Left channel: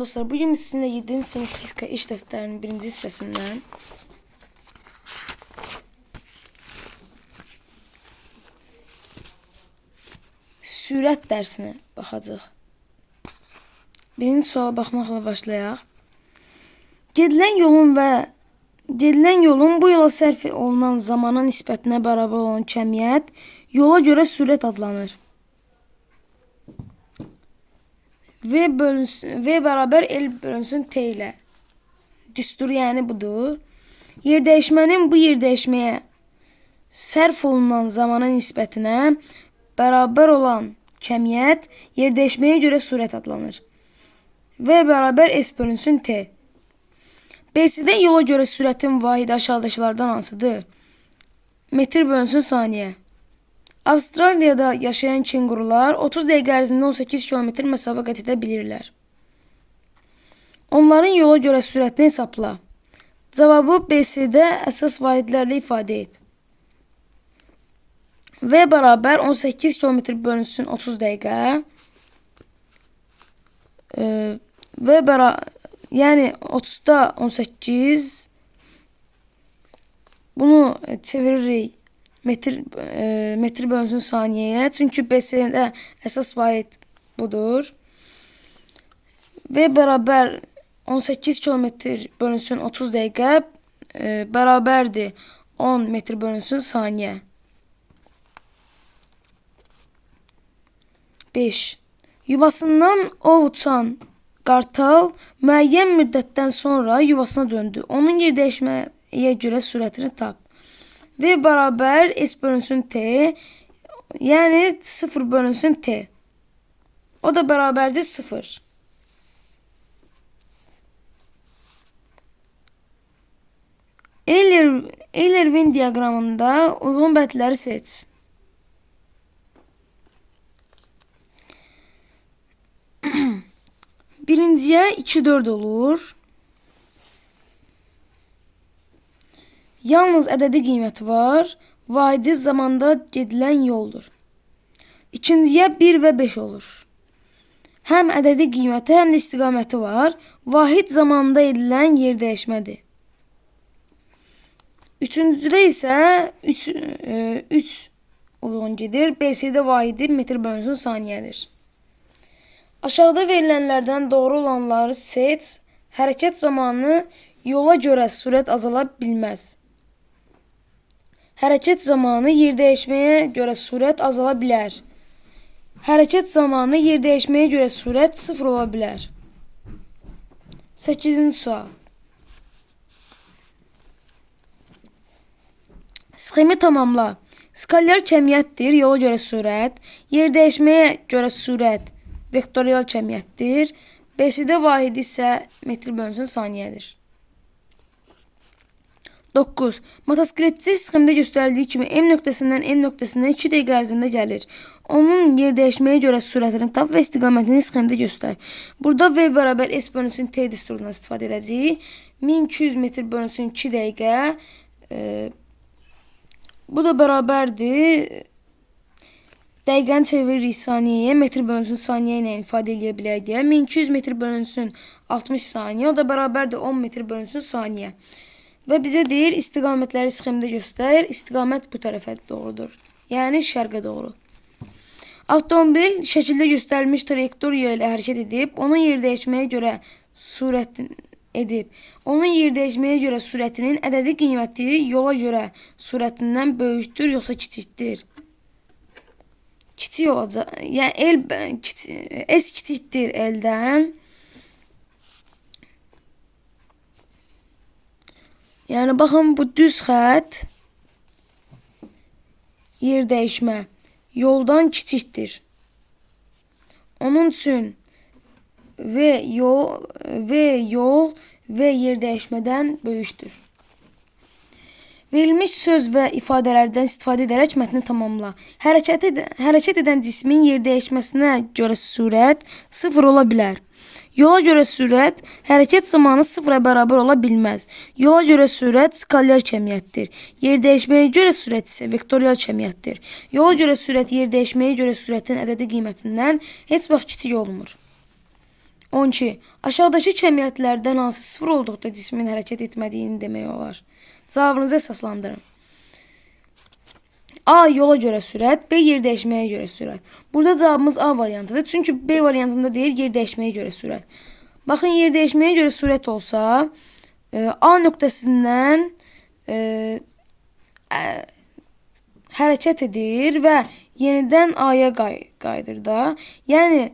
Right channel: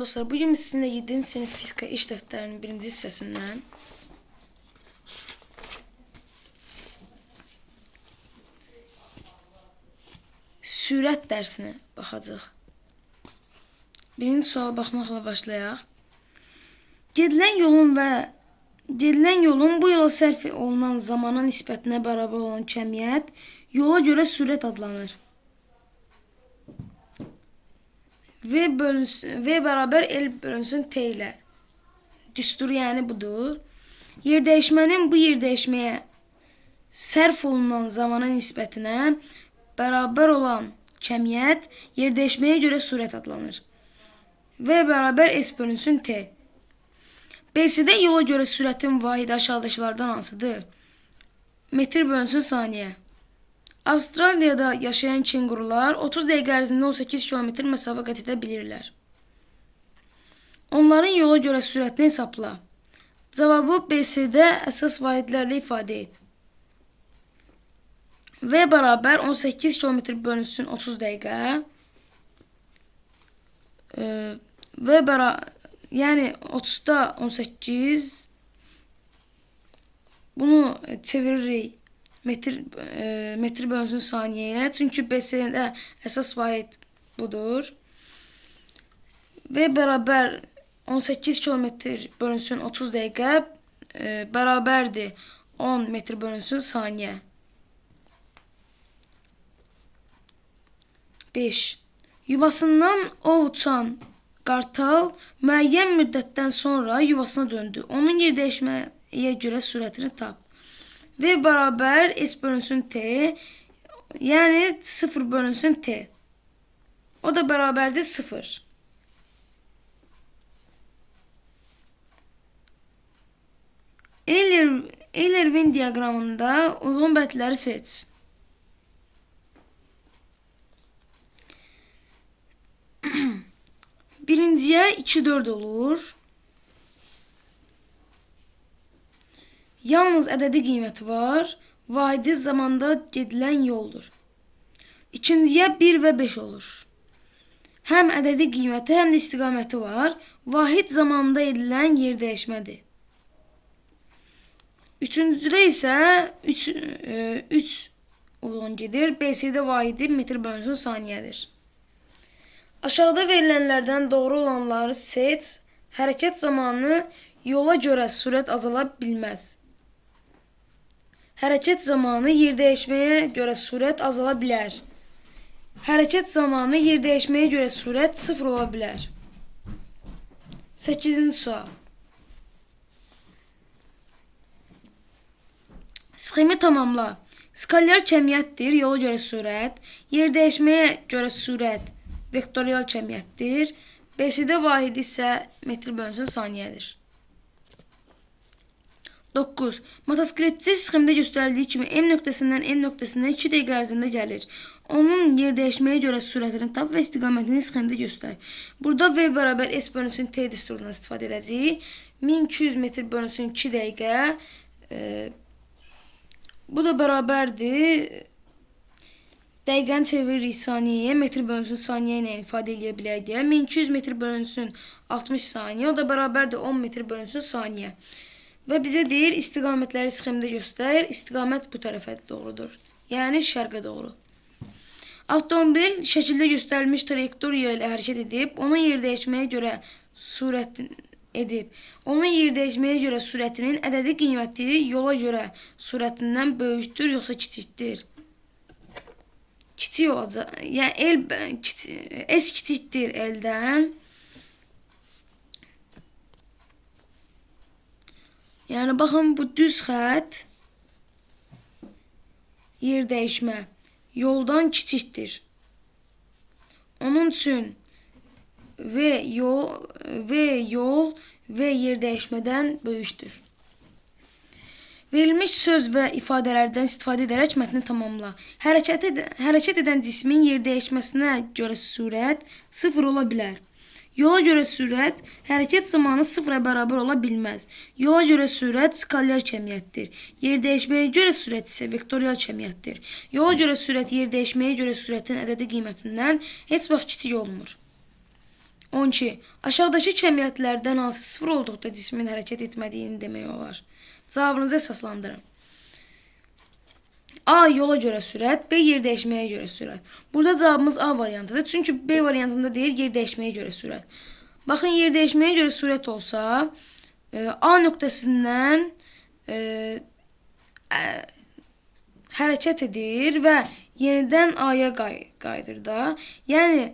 Salam dostlar, bugün sizinle 7. sınıf fizika iş defterinin 1. hissəsindən sürət dərsinə baxacağıq. Birinci suala baxmaqla başlayaq. Gedilən yolun bu yola sərf olunan zamana nisbətinə bərabər olan kəmiyyət yola görə sürət adlanır. V bərabər L bölünsün T ilə. Düsturu yəni budur. Yerdəyişmənin bu yerdəyişməyə sərf olunan zamana nisbətinə bərabər olan kəmiyyət yerdəyişməyə görə sürət adlanır. V bərabər S bölünsün T. BC-də yola görə sürətin vahidi aşağıdakılardan hansıdır? Metr bölünsün saniyə. Avstraliyada yaşayan kenqurular 30 dəqiqə ərzində 18 km məsafə qət edə bilirlər. Onların yola görə sürətini hesabla. Cavabı BC-də əsas vahidlərlə ifadə et. V bərabər 18 km bölünsün 30 dəqiqə. V bərabər, yəni 30'da 18. Bunu çeviririk metr bölünsün saniyəyə. Çünki BC-də əsas vahid budur. V bərabər 18 km bölünsün 30 dəqiqə bərabərdir 10 metr bölünsün saniyə. 5. Yuvasından ov uçan qartal müəyyən müddətdən sonra yuvasına döndü. Onun yerdəyişməyə görə sürətini tap. V bərabər S bölünsün T, yəni 0 bölünsün T. O da bərabərdir 0. Euler-Venn diaqramında uyğun bəndləri seç. Birinciyə 2-4 olur. Yalnız ədədi qiyməti var. Vahidi zamanda gedilən yoldur. İkinciyə 1 və 5 olur. Həm ədədi qiyməti, həm də istiqaməti var. Vahid zamanda edilən yer dəyişmədir. Üçüncüdə isə 3 uyğun gedir. BC-də vahidi metr bölünsün saniyədir. Aşağıda verilənlərdən doğru olanları seç. Hərəkət zamanı yola görə sürət azala bilməz. Hərəkət zamanı yerdəyişməyə görə sürət azala bilər. Hərəkət zamanı yerdəyişməyə görə sürət 0 ola bilər. 8-ci sual. Sxemi tamamla. Skalyar kəmiyyətdir, yola görə sürət. Yerdəyişməyə görə sürət vektorial kəmiyyətdir. BC-də vahidi isə metr bölünsün saniyədir. 9. Motosikletçi sxemdə göstərildiyi kimi M nöqtəsindən N nöqtəsinə 2 dəqiqə ərzində gəlir. Onun yerdəyişməyə görə sürətini tap və istiqamətini sxemdə göstər. Burada V bərabər S bölünsün T düsturundan istifadə edəcəyik. 1200 metr bölünsün 2 dəqiqə. Bu da bərabərdir. Dəqiqəni çeviririk saniyəyə, metr bölünsün saniyə ilə ifadə edə bilək deyə. 1200 metr bölünsün 60 saniyə, o da bərabərdir 10 metr bölünsün saniyə. Və bizə deyir, istiqamətləri sxemdə göstər. İstiqamət bu tərəfə doğrudur. Yəni şərqə doğru. Avtomobil şəkildə göstərilmiş trayektoriya ilə hərəkət edib, onun yerdəyişməyə görə sürətinin ədədi qiyməti yola görə sürətindən böyükdür, yoxsa kiçikdir? Kiçik olacaq. Yəni S kiçikdir L-dən. Yəni baxın, bu düz xətt yer dəyişmə yoldan kiçikdir. Onun üçün V yol V yer dəyişmədən böyükdür. Verilmiş söz və ifadələrdən istifadə edərək mətni tamamla. Hərəkət edən cismin yer dəyişməsinə görə sürət 0 ola bilər. Yola görə sürət hərəkət zamanı 0-a bərabər ola bilməz. Yola görə sürət skalyar kəmiyyətdir. Yer dəyişməyə görə sürət isə vektorial kəmiyyətdir. Yola görə sürət yer dəyişməyə görə sürətin ədədi qiymətindən heç vaxt kiçik olmur. 12. Aşağıdakı cəmiyyətlərdən hansı sıfır olduqda cismin hərəkət etmədiyini demək olar? Cavabınızı əsaslandırın. A. Yola görə sürət, B. Yer dəyişməyə görə sürət. Burada cavabımız A variantıdır. Çünki B variantında deyir yer dəyişməyə görə sürət. Baxın, yer dəyişməyə görə sürət olsa, A nöqtəsindən hərəkət edir və yenidən A'ya qayıdır da. Yəni,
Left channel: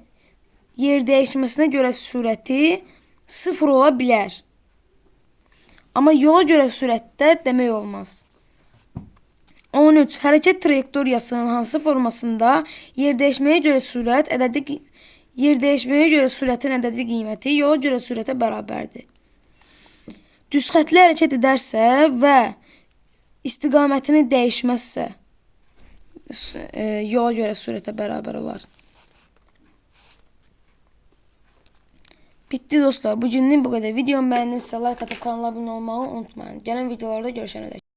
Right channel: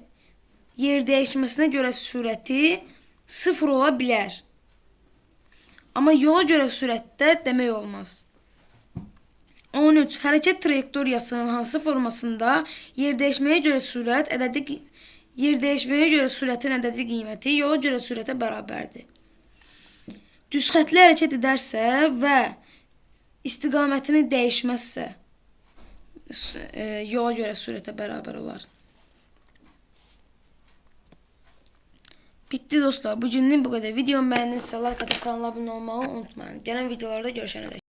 yer dəyişməsinə görə sürəti sıfır ola bilər. Amma yola görə sürətdə demək olmaz. 13. Hərəkət trayektoriyasının hansı formasında yer dəyişməyə görə sürətin ədədi qiyməti yola görə sürətə bərabərdir. Düz xətli hərəkət edərsə və istiqamətini dəyişməzsə yola görə sürətə bərabər olar. Bitti dostlar. Bugünlük bu qədər. Videomu bəyəndinizsə like atıp kanala abunə olmağı unutmayın. Gələn videolarda görüşənədək.